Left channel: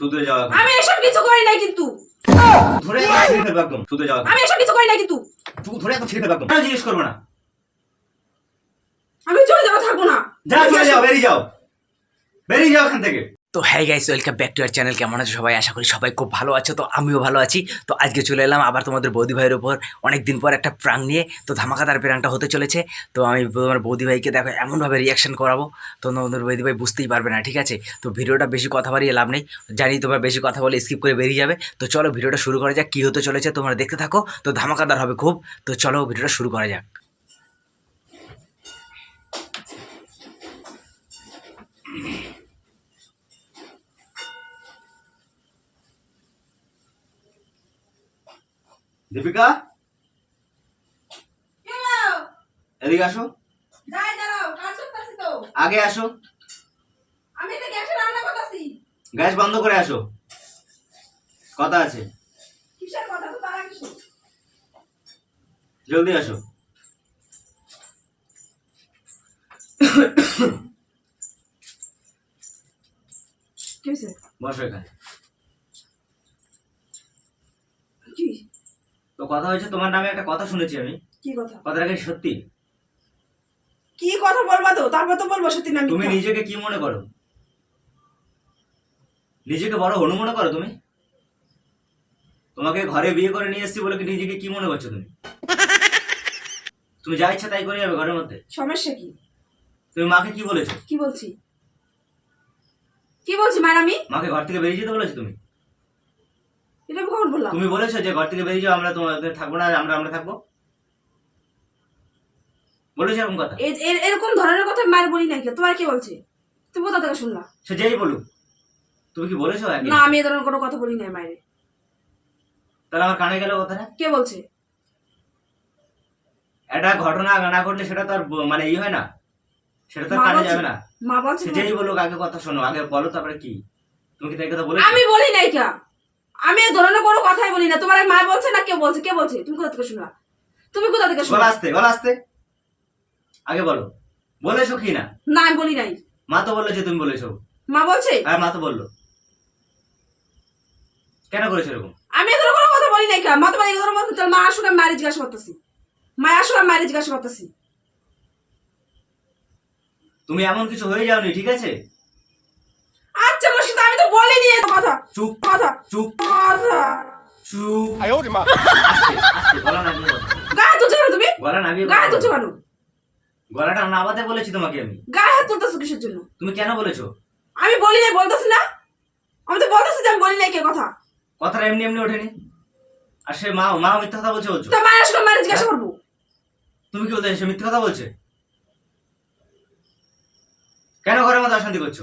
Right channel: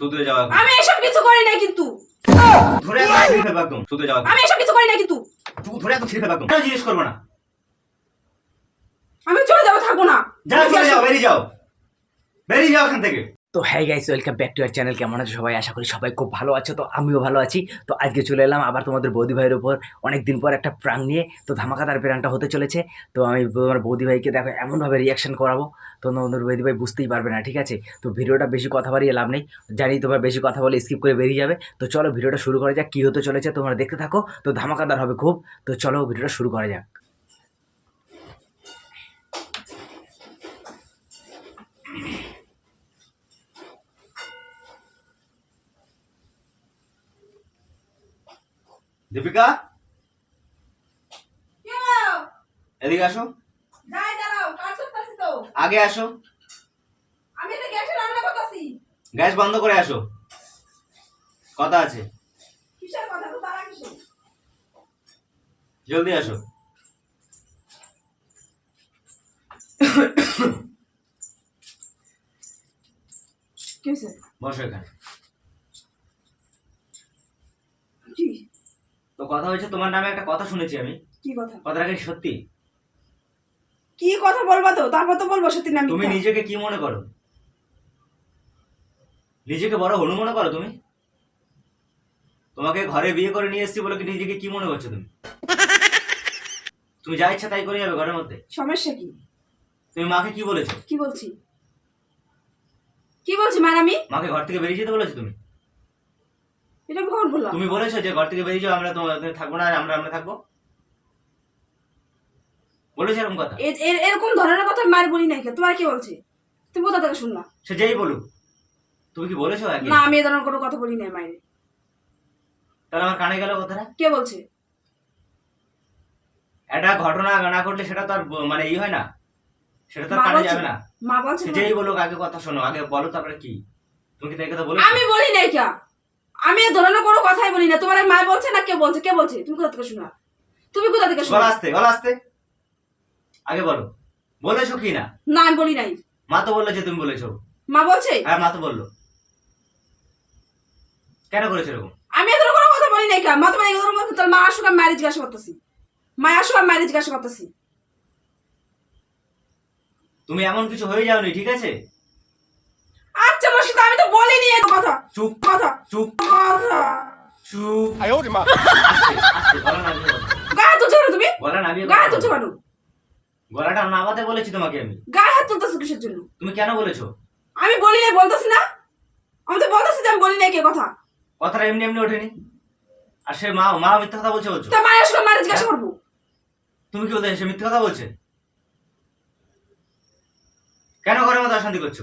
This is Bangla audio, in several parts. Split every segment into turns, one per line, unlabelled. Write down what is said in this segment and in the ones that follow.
শুধরে যাওয়া।
আমি এসব কিছু করি নাই কিন্তু।
ধরে ছিঁড়ে ফেলব একদম শুধরে যাওয়া
আমি এসব কিছু করি না কিন্তু।
তুই ধরে একদম ছিঁড়ে ফেলব একদম। জিজ্ঞেস করব না?
আমি চলে যাব থাকব না।
যা চলে যাও বেরিয়ে যাও। বেরিয়ে যাও এখান থেকে।
তো হ্যাঁ guys welcome back to our channel কেমন আছো সবাই? আশা করি সবাই খুব ভালো আছো। তো আমিও ভালো আছি। তো আজকে চলে এলাম আবার তোমাদের বৌদি ভাইয়ের উপর। অনেক দিন পর একটা প্রাং নিয়ে। তো ধামাকাদার প্রাংটা হতে চলেছে। তো আমি তোমার বৌদি ভাইকে দেখো, এমনভাবে রিয়াকশন করাবো। তো তোমাদের বৌদি ভাই বুঝতেই পারবে না, ঠিক আছে? তো ভিডিওটা বেশি কথা বাড়িয়ে লাভ নেই। জানি তোমার বেশি কথা বলে স্কিপ করে বেরিয়ে যাবে। তো চলো ভিডিওটা শুরু করা যাক, কী হতে চলেছে তোমরা দেখতে থাকো। তো ধামাকাদার হবে খুব। তো চলো ভিডিওটা শুরু করা যাক।
দীপিকা? এদিকে আসো। আগে আসো।
আমি তো গ্যাসে রান্না করতেছি।
গ্যাস বন্ধ করে আসো। কথা আছে।
কিসের কথা? তো তারা কিছু
জলদি আসো। বসো এখানে। কথা হয়েছে তোমার নামে একটা কথা শুনেছি আমি।
কি কথা?
কথাটা কি সত্যি?
কি কথা বলবা তো? তারপর তো বলব সত্যি না
তুমি নিজেকে কি মনে করো? নিজেকে বড় হনু মনে করো তুমি? তোমাকে ঘরে বিয়ে করে নিয়ে এসেছি বলে কি নিজেকে কি মনে করছ তুমি? তুমি যা ইচ্ছা তাই করে যাবে ঘরের মধ্যে।
সমস্যা কি?
তুমি মাকে কি বলেছ?
কি বলছি? কি বলছি মায়ের আমি
মাকে ঘর থেকে বেরিয়ে যেতে বলেছ তুমি?
আমি কখন বললাম।
তুমি বলেছ যে ঘর থেকে বেরিয়ে যাও আমরা তোমাদের থাকব না আমরা আমরা থাকব? বলেছ এরকম কথা?
এরকম ধরনের কথা মায়ের বলি নাই তোমার কে বলছে? তুমি কোথা থেকে শুনলা?
সে যেই বলুক। তুমি কি বলেছ
না আমি এ ধরনের কোনো কথা বলি নাই মায়ের।
তাহলে আমার কানে গেল কথাটা?
কে বলছে?
একটা ঘটনা না ঘটলে সেটা তো আর মানে ই হয় না। সেটা তো কানে? যাবে না।
মা বলছে
যেই বলুক আগে কথা শোনো। আগে বলো তারপরে কি? তুমি কি তাই কথা বলে
আমি বলি নাই কে। আমি এ ধরনের কোনো কথাই বলি না। তোমার মা বলছে না কে বলছে? কে বলছে? তুমি কোথা থেকে শুনলা? তুমি কোথা থেকে
গলা
শুনলা
আসতে গলা আসতে। আগে বলো। বলেছ কি না?
না আমি বলি নাই।
মা তো বলল যে তুমি বলেছ
মা বলছে?
হ্যাঁ মা তো বলল। কেন করেছ এরকম?
আমি এ ধরনের কোনো কথা বলি নাই মা তোমার এই ধরনের কথা মা আসুক আমি মায়ের জিজ্ঞাসা করতেছি মা আসুক আমি মায়ের জিজ্ঞাসা করতেছি
তুমি এমন কিছু হয়ে যাওনি ঠিক আছে
আচ্ছা মুর্শিদা আমি তো গা তুমি?
গলা নামিয়ে গা
কেন?
গলাটা নামাতে বলেছি তোমাকে আমি।
গা হাত কিসের জন্য?
তুমি কেন বলেছ?
আমি বলি নাই না। আমি তো বলতেছি যে আমি বলি নাই কে কথা।
কথাটা এমনি এমনি ওঠেনি। আর সে মা মা মিথ্যা কথা বলছে বলছো?
তা মানুষ জিজ্ঞাসা হ্যাঁ। করব।
তুমি কি বলতে সে মিথ্যা কথা বলছে? কেন ঘরের মধ্যে অশান্তি করছ?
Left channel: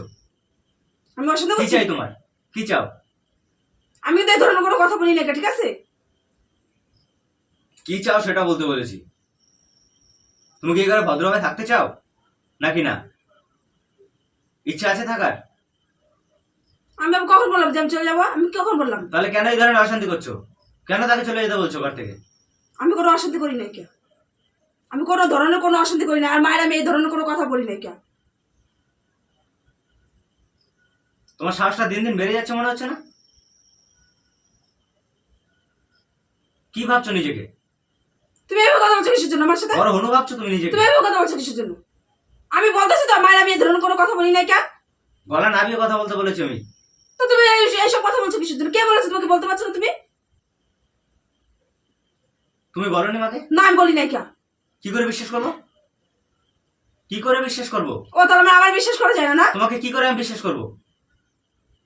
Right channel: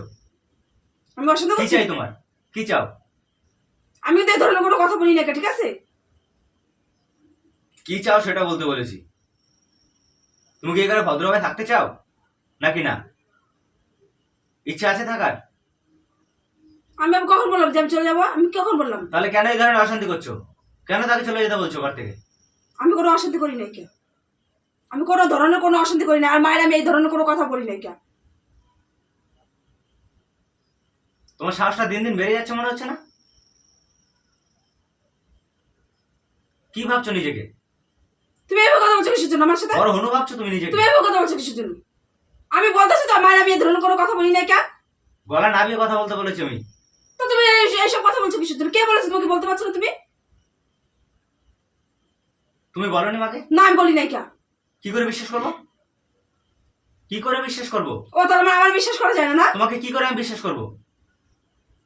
আমি অসাধ্য
কি চাই তোমার? কি চাও?
আমি তো এই ধরনের কোনো কথা বলি না ঠিক আছে?
কি চাও সেটা বলতে বলেছি। তুমি কি ঘরে ভদ্রভাবে থাকতে চাও? নাকি না? ইচ্ছা আছে থাকার?
আমি আবার কখন বললাম যে আমি চলে যাব? আমি কখন বললাম?
তাহলে কেন এই ধরনের অশান্তি করছ? কেন তাকে চলে যেতে বলছো ঘর থেকে?
আমি কোনো অশান্তি করি নাই কে আমি কোনো ধরনের কোনো অশান্তি করি না আর মায়ের আমি এই ধরনের কোনো কথা বলি নাই কে
তোমার সাহসটা দিন দিন বেড়ে যাচ্ছে মনে হচ্ছে না? কি ভাবছ নিজেকে?
তুমি এভাবে কথা বলছো কিসের জন্য আমার সাথে?
বড় হনু ভাবছ তুমি নিজেকে।
তুমি এভাবে কথা বলছো কিসের জন্য? আমি বলতেছি তো মায়ের আমি এই ধরনের কোনো কথা বলি নাই কে
গলা নামিয়ে কথা বলতে বলেছি আমি।
তো তুমি এই- এইসব কথা বলছো কিসের জন্য? কে বলেছে তোমাকে বলতে পারছ না তুমি?
তুমি বলনি মাকে?
না আমি বলি নাই কে
কি করে বিশ্বাস করব? কি করে বিশ্বাস করব?
ও তাহলে আমার- বিশ্বাস করা যায় না না?
তোমাকে কি করে আমি বিশ্বাস করব?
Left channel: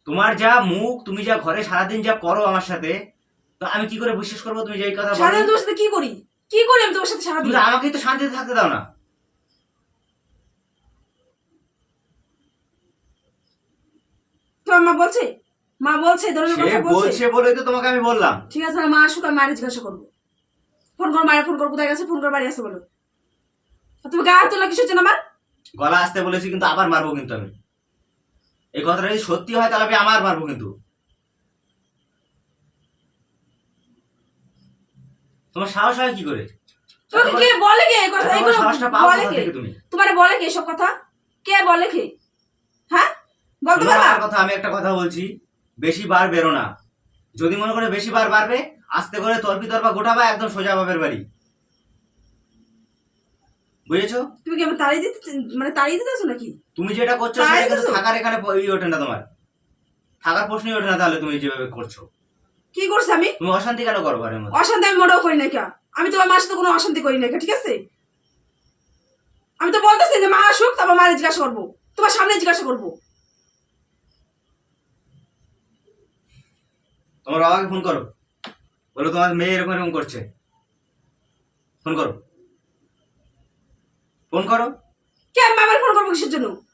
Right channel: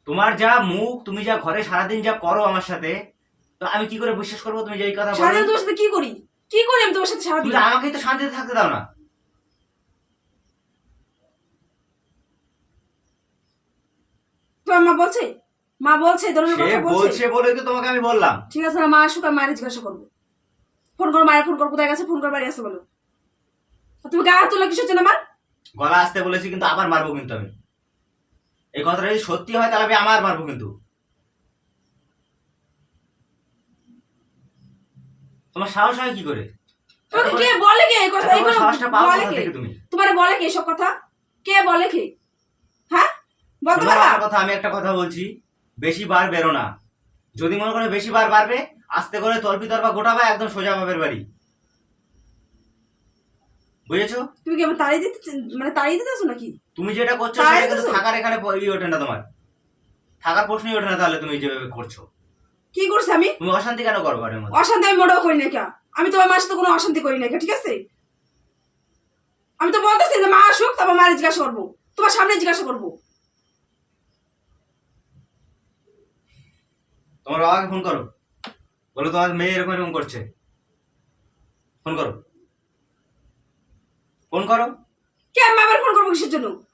তোমার যা মুখ তুমি যা ঘরে সারাদিন যা করো আমার সাথে তো আমি কি করে বিশ্বাস করব তুমি যে এই কথা বলো?
সারাদিন তোমার সাথে কি করি? কি করি আমি তোমার সাথে সারাদিন?
আমাকে তো শান্তিতে থাকতে দাও না।
তোমার মা বলছে? মা বলছে কথা বলছে?
বলছে বলে তো তোমাকে আমি বললাম।
ঠিক আছে মা আসুক আর মায়ের জিজ্ঞাসা করব। ফোন করো মায়ের ফোন করো কোথায় গেছে? ফোন করে বাড়ি আসতে বলো। তুমি গায়ে হাত তোলা কিসের জন্য আমার
গলা আসতে বলেছি কিন্তু আবার মারবো কিন্তু আমি। এই কথাটা যদি সত্যি হয় তাহলে আমি আমার মারবো কিন্তু। তোমার সাহস হয় কি করে?
কে বলে কে এই কথা?
সাহসটা পাও
বলে কে?
তুমি?
তোমার বলে কে এসব কথা? কে বলে কে? হ্যাঁ? বলতে পারবা?
কথা আমি একটা কথা বলছি। বেশি বার বেরো না। যদি মনে করে বেশি বার বাড়বে আস্তে করে তর্পি তর্পা গোটাবা একদম সোজা বাপের বাড়ি। বুঝেছ?
তুমি কি আমার তাড়িয়ে দিতে মানে তাড়িয়ে দিতেছো নাকি?
তুমি যেটা করছ সেটা কিন্তু থাকার এখানে ই ওঠে না তোমার। থাকার প্রশ্নই ওঠে না তাহলে তুমি যেভাবে করছ।
কি করছি আমি?
তুমি অশান্তি কেন করো ঘরের মধ্যে?
অশান্তি আমি মোটেও করি না কে। আমি তোমার মার সাথে কোনো অশান্তি করি না কে, ঠিক আছে? আমি তো বলতেছি যে মা আসুক তারপর মারে জিজ্ঞাসা করব। তোমার সামনে জিজ্ঞাসা করব।
তোমার বাবাকে ফোন করো। বলো তোমার মেয়ে এরকম এরকম করছে। ফোন করো। ফোন করো।
কে আমি আবার ফোন করব কিসের জন্য?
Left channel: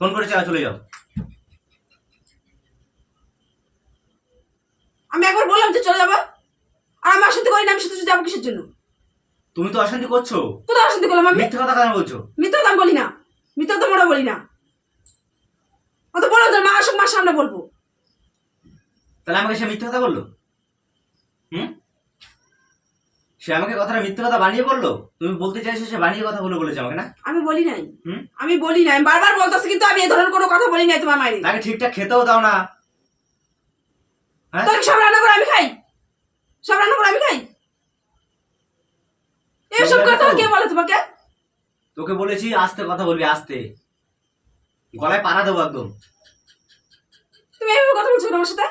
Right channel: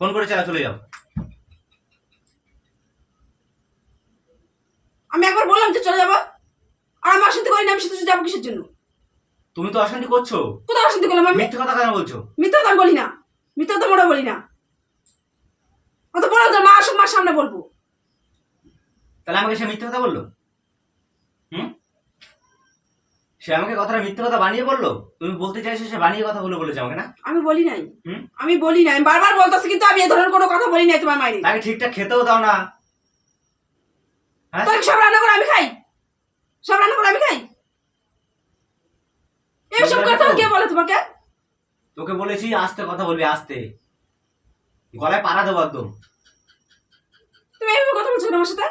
ফোন করে চলে যাও।
আমি একবার বললাম যে চলে যাব আর আমি অশান্তি করি না আমি শুধু যাব কিসের জন্য?
তুমি তো অশান্তি করছ।
কোথাও অশান্তি করলাম আমি?
মিথ্যে কথা কেন বলছো?
মিথ্যা কথা বলি না। মিথ্যা কথা মোটেও বলি না। অত বলো যে মা আসুক মার সামনে বলব।
তাহলে আমাকে সে মিথ্যে কথা বলল? হুম? সে আমাকে কথাটা মিথ্যে কথা বানিয়ে বলল? তুমি বলতে চাইছো সে বানিয়ে কথা বলে বলেছে আমাকে না?
আমি বলি নাই।
হুম?
আমি বলি নাই আমি বারবার বলতেছি কিন্তু আমি এ ধরনের কোনো কথা বলি নাই তোমার মায়ের।
তাকে ঠিকঠাক খেতেও দাও না। হ্যাঁ?
তাহলে সব রান্না করে আমি খাই। সব রান্না করে আমি খাই। এইসব
তুমি
কথা কে বলে তোমাকে?
তোকে বলেছি আস্তে কথা বলবি আস্তে। গলায় পাড়া দেবো একদম।
তুমি এইভাবে কথা বলছো আমার সাথে?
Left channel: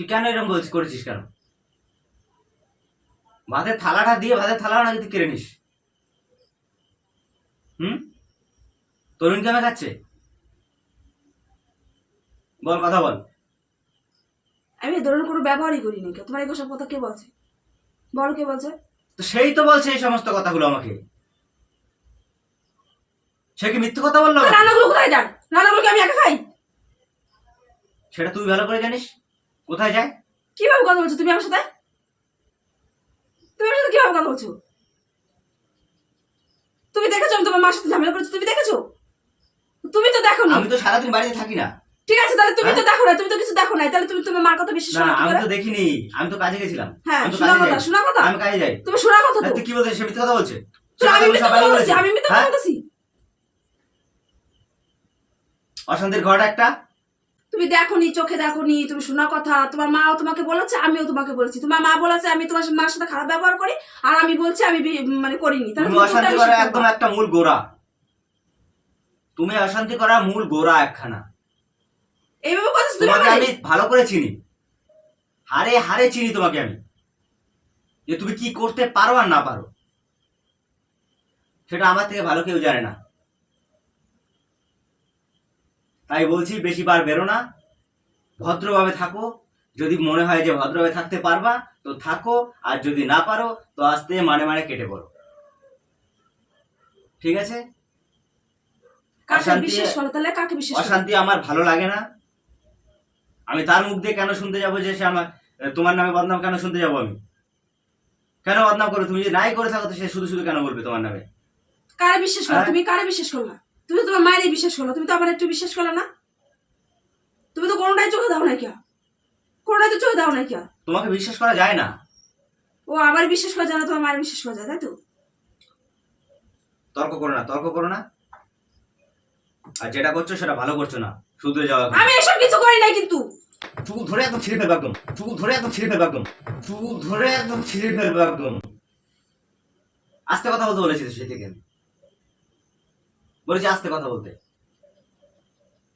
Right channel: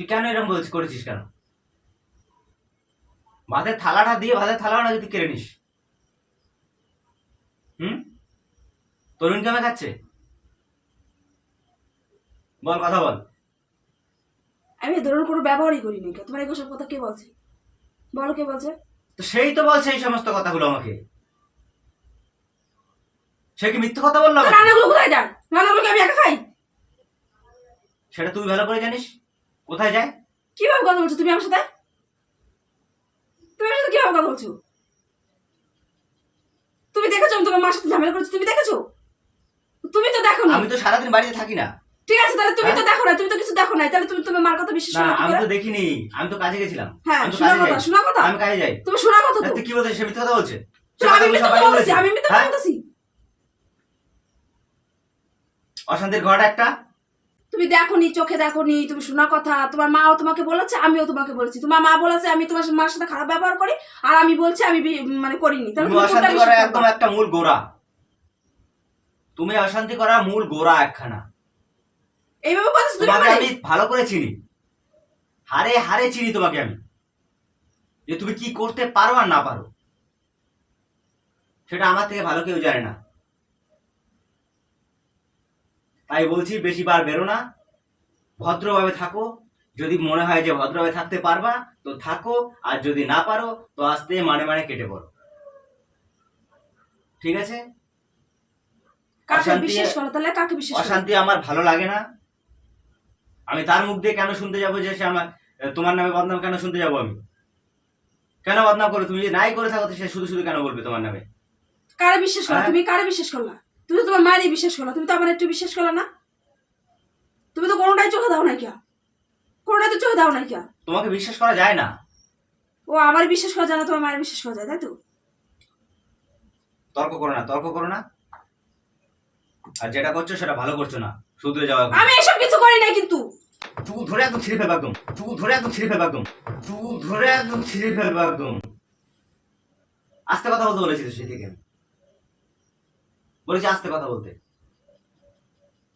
তুই কেন এরকম বলছিস করেছিস কেন? ভাতের থালাটা দিয়ে ভাতের থালাটা তুই কেড়ে নিস। হুম? তরুণ কেমন খাচ্ছে? বল কথা বল।
আমি এ ধরনের কোনো ব্যবহারই করি নাই তোমার এগুলো সব কথা কে বলছে? বল কে বলছে?
তো সেই তো বলছে এই সমস্ত কথাগুলো আমাকে। সে কি মিথ্যে কথা বলল?
রান্নাগুলো কোথায়? যায় রান্নাগুলো কি আমি একা খাই?
সেটা তুই ভালো করে জানিস। কোথায় যায়?
কীভাবে কথা বলছো তুমি আমার সাথে? সাথে কীভাবে কথা বলছো? তুমি দেখেছ আমি তোমার মার সাথে ঝামেলা করেছি? তুমি দেখেছ? তুমি তো দেখো
আমি তো সারাদিন বাড়িতে থাকি না।
ঠিক আছে তাহলে তুমি তো
হ্যাঁ?
দেখো না তুমি তো কিছু দেখো নাই তাহলে তুমি তোমার মার কথা বিশ্বাস
না
করো
আমি তো দেখিনি। আমি তো কাজে গেছিলাম।
হ্যাঁ শোনা কথা। শোনা কথা।
আমি কাজে যাই।
তুমি শোনা কথা তো।
কি বলছিস সে মিথ্যে কথা বলছে?
আমি মিথ্যা বলছি আমি মিথ্যা
হ্যাঁ?
বলছি
অশান্তির ঘরটা একটা?
তুমি দেখো নি চোখে দেখো নি তুমি শোনা কথা। তোমার মাও তোমাকে বলেছে আমিও তোমাকে বলেছি। তোমার মা বলেছে আমি তোমার মার সাথে খারাপ ব্যবহার করি আর আমি বলছি আমি মানে করিনি। তাহলে
তুমি অশান্তি করার একদম একটা মূল গোড়া। তুমি অশান্তি করার মূল গোড়া একখানা।
এইভাবে তুমি
তোমাকে আমি ভালো করে চিনি। হারে হারে চিনি তোমাকে আমি। যে তুমি কি করতে পারো আর না পারো। সেটা আমার থেকে ভালো কেউ জানে না। তাই বলছি বেশি বার বেরো না। ভদ্রভাবে থাকো। যদি মনে হয় যে ভদ্রভাবে থাকতে পারবা তো থাকো। আর যদি না পারো তো আস্তে মানে মানে কেটে পড়ো। ঠিক আছে? অশান্তি- আমার ভালো লাগে না। আমি তার মুখ দিয়ে কেন শুনতে যাব যে সে আমার তোমার নামে বদনাম কেন শুনতে যাব আমি? কেন বদনাম করবে? তুমি যদি নাই করে থাকো তো সে শুধু শুধু কেন বলবে তোমার নামে?
কারে বিশ্বাস করো?
হ্যাঁ?
তুমি কারে বিশ্বাস করলা তুমি তো তোমার মায়েরই বিশ্বাস করলা তুমি তো আমার একটু বিশ্বাস করলা না। তুমি তো কোনোটাই চোখে দাও নাই কিয়া কোনোটাই তো চোখে দাও নাই কিয়া
তোমাকে বিশ্বাস করা যায় না।
ও আমার বিশ্বাস করা যায় না তোমার মায়ের বিশ্বাস করা যায় তাই তো?
তর্ক করো না তর্ক করো না। আর যেটা করছ সেটা ভালো করছ না শুধরে যাওয়া
আমি এসব কিছু করি নাই কিন্তু।
চুল ধরে একদম ছিঁড়ে ফেলব একদম চুল ধরে একদম ছিঁড়ে ফেলব একদম চুল ধরে একদম ছিঁড়ে ফেলব একদম। আস্তে কথা বলতে বলেছি তো সেই থেকে। বলেছি আস্তে কথা বলতে।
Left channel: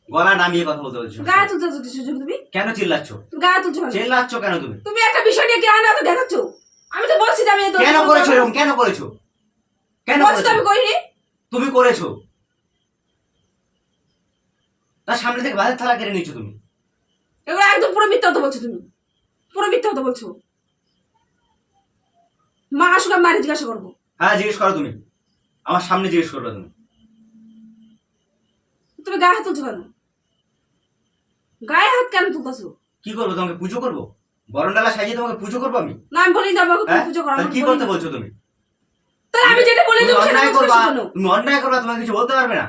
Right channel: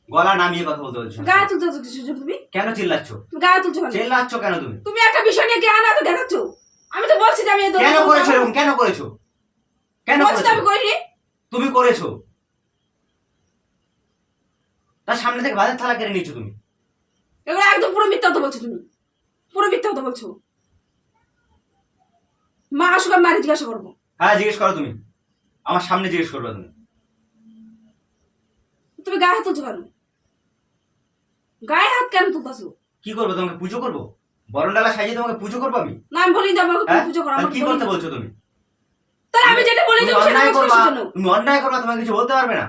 গলা নামিয়ে কথা বলতে বলেছি
গায়ে তুলতে কিছু তুমি?
কেন চিল্লাচ্ছ?
গায়ে তুলছো কেন
চিল্লাচ্ছ কেন তুমি?
তুমি একটা বিষয় নিয়ে গায়ে না তো দেখাচ্ছ। আমি তো বলছি আমি
কেন করেছ এরকম? কেন করেছ? কেন
বলছি
করেছ?
আমি করিনি।
তুমি করেছ। তার সামনে থেকে ভাতের থালা কেড়ে নিচ্ছ তুমি।
এগুলো একদম পুরো মিথ্যা কথা বলছো তুমি। পুরো মিথ্যা কথা বলছো। মা আসুক আমি মায়ের জিজ্ঞাসা করব।
হ্যাঁ জিজ্ঞেস করো তুমি। আমার সামনে জিজ্ঞেস করবে তুমি।
তুমি গায়ে হাত তুলছো কেন? গায়ে হাত কেন তুলতেছো?
কি করব তোমাকে পুজো করব? বরণডালা সাজিয়ে তোমাকে পুজো করব আমি?
না আমি বলি আমাকে তুমি
হ্যাঁ?
পুজো করো
তাহলে কি করতে বলছো তুমি?
তাহলে আমি যেটা বলি
তুমি
সেটা কিসের জন্য?
তুমি অন্যায় করবা তোমাকে কিছু বলতে পারবে না।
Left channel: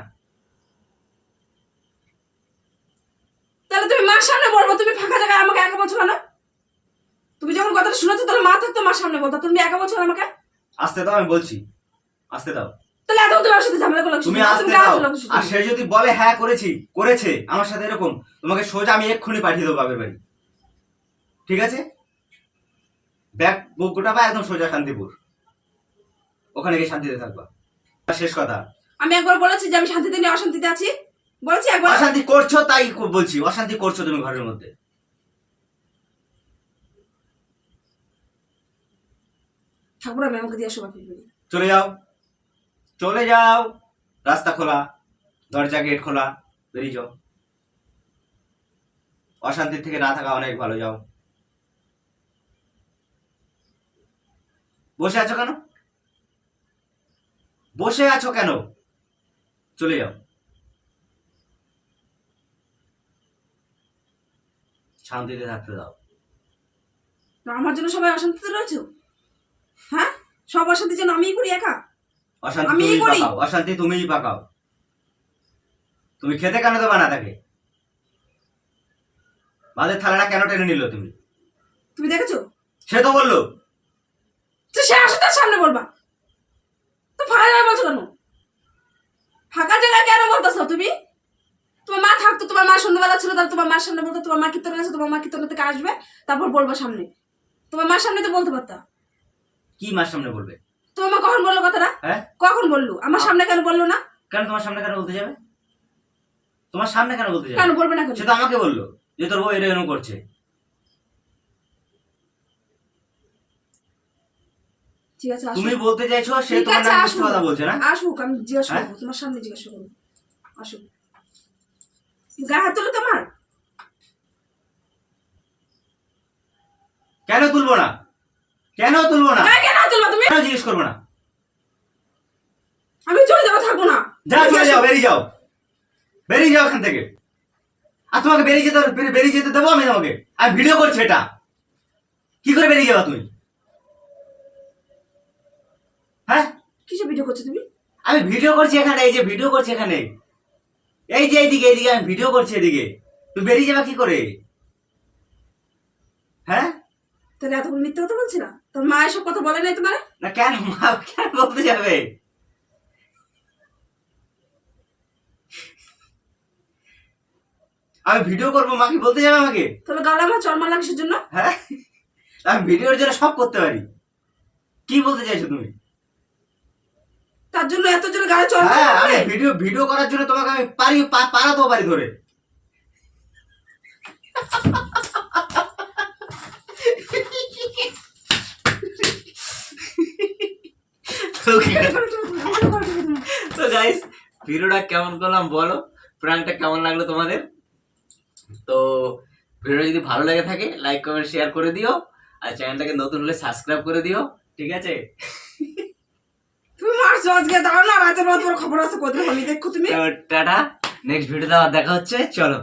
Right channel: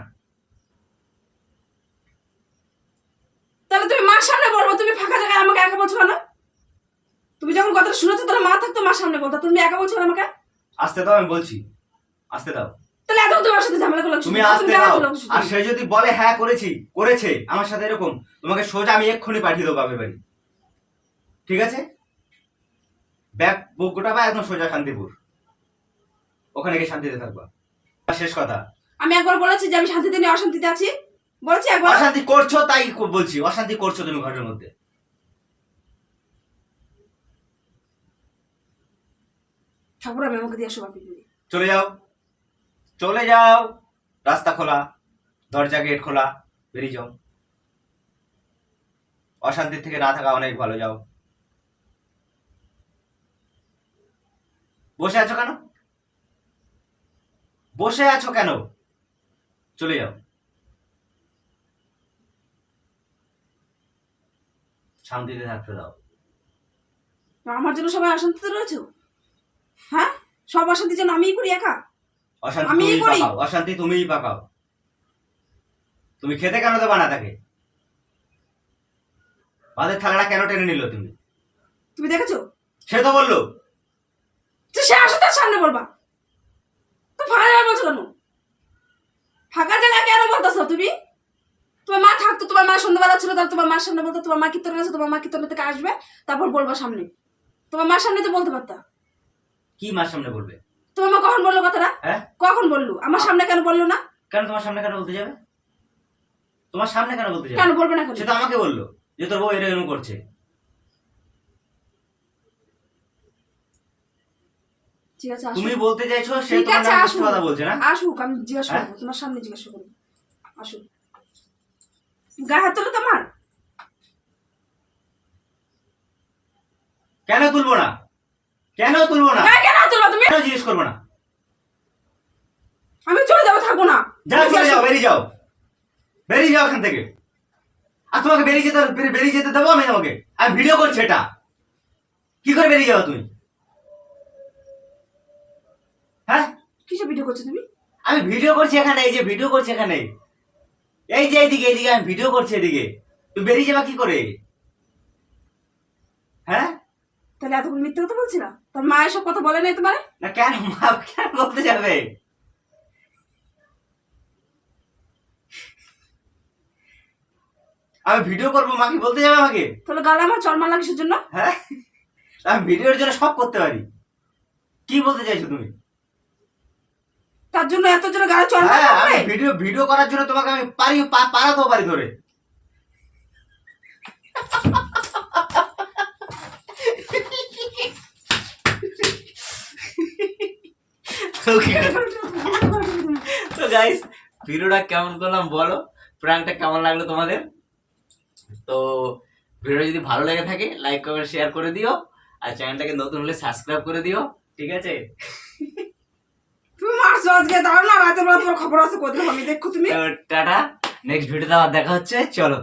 তাহলে তুমি মার সামনে বলব তুমি ফাঁকা জায়গায় আমাকে একা বলছো কেন? তুমি যখন কথাটা শুনেছো তাহলে মা থাকতো মার সামনে বলতো তুমি একা বলছো আমাকে?
আসতে দাও আমি বলছি। আসতে দাও।
তাহলে এত তোমার সাথে ঝামেলা করল
তুমি আসতে দাও আর সে যদি বলে হ্যাঁ করেছি করেছে আমার সাথে এরকম তোমাকে সোজা আমি এক্ষুনি পাঠিয়ে দেবো বাপের বাড়ি। ঠিক আছে? ব্যাগ বুক গোটাবা একদম সোজা শান্তিপুর। ওখানে গিয়ে শান্তিতে থাকবা। শেষ কথা।
আমি একবার বলেছি যে আমি শান্তিতে নেই অশান্তিতে আছি। বলেছি একবার।
অশান্তি করছ তাই বলছি অশান্তি করছ তুমি ঘরের মধ্যে।
ঠাকুর আমি আমাকে দিয়ে আসো
চলে যাও। চলে যাও। রাস্তা খোলা, দরজা গেট খোলা, বেরিয়ে যাও। অশান্তির থেকে না থাকা অনেক ভালো, যাও। বসে আছো কেন? বসে আছো কেন? চলে যাও। শান্তিতে থাকতে দাও।
আমার জন্য সবাই অশান্তিতে রয়েছে? হ্যাঁ? সব অশান্তির জন্য আমিই করি একা?
অশান্তি
করি।
পাকাও অশান্তি তুমিই পাকাও। তুমি খেতে কেন দেবা না তাকে? ভাতের থালাটা কেন টেনে নিল তুমি?
তুমি দেখেছ?
সে তো বলল।
সে আসো তার সামনে বলবা। তো ফাঁকা জায়গায় বলছো কেন? ফাঁকা জায়গায় কেন বলতেছো তুমি? তোমার মা থাকতো তোমার মা সন্ধ্যাবেলা ছিল তাহলে তোমার মার সামনে বলতো তোমার মা কীর্তন গেছে তোমার মা কীর্তন থেকে আসবে তারপর বলবা সামনে। তোমার মার সামনে তো বলতে পারতা।
কি মার সামনে বলবে?
তোমার কখন বলল কথাটা?
হ্যাঁ?
কখন বলল? আমার সামনে কেন বলল না?
কেন তোমার সামনে কেন বলতে যাবে? তোমার সামনে কেন বলতে যাবে?
কেন বলবে না
সে তো আমাকে বলল যে তোর বউ এরকম করছে।
ঠিক আছে
তুমি বলতে চাইছো সে তোমার নামে। কথা বলছে না?
আসুক আমি জিজ্ঞাসা
হ্যাঁ?
করব তোমার সামনে জিজ্ঞাসা করব। আসুক। গায়ে হাত তোলো তোমার।
কেন তুলবো না? কেন তুলবো না?
গায়ে কেন তুলবা তুমি?
কেন জিজ্ঞেস করব না?
আমি চলে যাব থাকব না।
যাও চলে যাও বেরিয়ে যাও। বেরিয়ে যাও এখান থেকে। আর তোমাকে বেরিয়ে যেতে বেরিয়ে- যেতে দেবো আমি তোমাকে। আর ভিডিও করছি এটা। কি করে বেরিয়ে যাবা তুমি? হ্যাঁ?
কিসে ভিডিও করছ তুমি?
আমি ভিডিও করছি এখানে এই যে ভিডিও করছি এখানে। এই যে এইদিকে এইদিকে আমি ভিডিও করছি এদিকে। তুমি বেরিয়ে যাবা কি করে? হ্যাঁ?
তাহলে এতক্ষণ মিথ্যে কথা বলছি না? তোর মা এসব কথা বলে নাই তোমার?
না কেন মা কেন বলতে যাবে? আমি ভিডিও করব মা কি বলতে যাবে আমাকে?
তাহলে গালে আমার চরমা লাগিসের জন্য?
হ্যাঁ? আমি ভিডিওর জন্য সব করতে পারি। কি বলতে চাইছো তুমি?
তার জন্য এত জন্য গালে চরমা
হ্যাঁ আমি ভিডিও ভিডিও করার জন্য তোমাকে আমি পারি পারাতেও পারি ধরে। তো গাইস ভিডিওটা কেমন করলাম বলো? প্রাণটা কেমন লাগল তোমাদের? তো ভিডিও যদি ভালো লেগে থাকে লাইক কমেন্ট শেয়ার করে দিও। আর চ্যানেলটাকে নতুন হলে সাবস্ক্রাইব করে দিও। ঠিক আছে?
তুমি মারছো আজকে দাঁড়াও না রাতের বেলা তোমার খবর আছে কোথায় আমি দেখো তুমি?
টাটা। নেক্সট ভিডিওতে আবার দেখা হচ্ছে। চলো।